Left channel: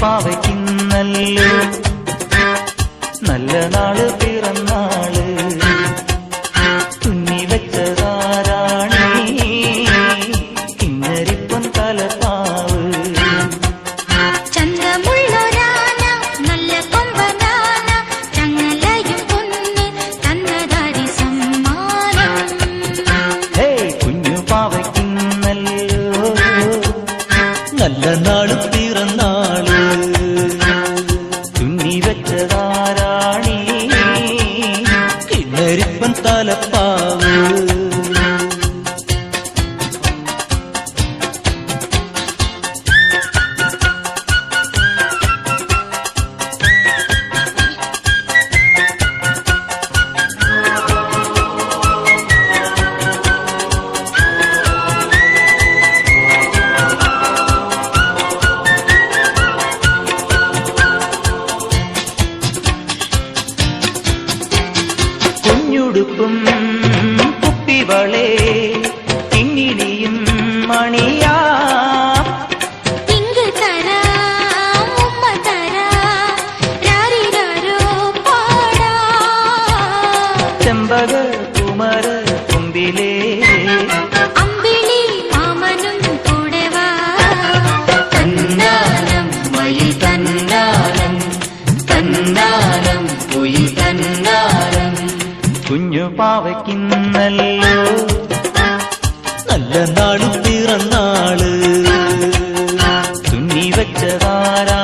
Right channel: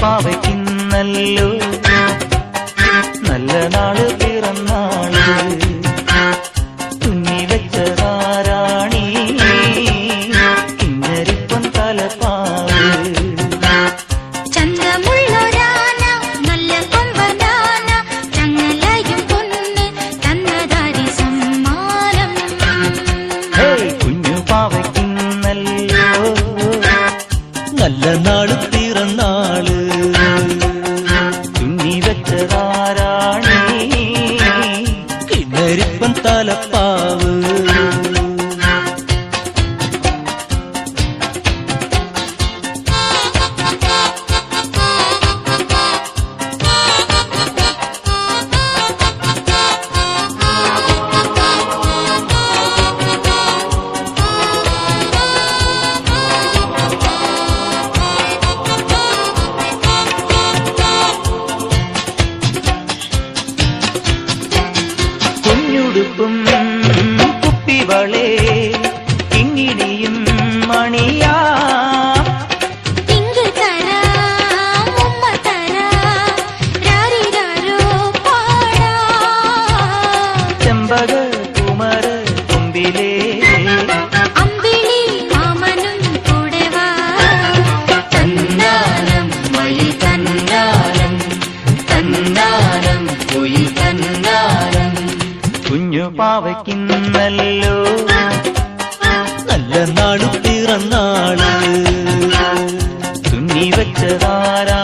പാവയ്ക്കുന്നല്ലേ നല്ല നാള് പിറന്നാള് തുന്നി വെച്ചതാരാണി കുഞ്ഞരിപ്പം തലപ്പാവ് ചന്തമുള്ളൊരാന നല്ല കൊമ്പനാന ചങ്ങലയും പൊന്ന് തന്നതാടി സമ്മാനം കുഞ്ഞു പാവയ്ക്കുന്നല്ലോ നല്ല നാള് പിറന്നാള് തുന്നി വെച്ചതാരാണി കുഞ്ഞരിപ്പം തലപ്പാവ് കുഞ്ഞുടുപ്പും കുപ്പിവളേ കിങ്ങിണിയും മണിയാ തിങ്കൾ തരാം ഉമ്മ തരാം രാരിരാരോ പാടാം ചെമ്പക കുമര കുമ്പിലേ അമ്പിളി മാമനും കൂടെ വാ തന്നാലം മയിൽ തന്നാലം തന്നാലം പൊയിൽ തന്നാലം കുഞ്ഞു പാവയ്ക്കുന്നല്ലോ നല്ല നാളു പിറന്നാള് തുന്നി വെച്ചതാരാ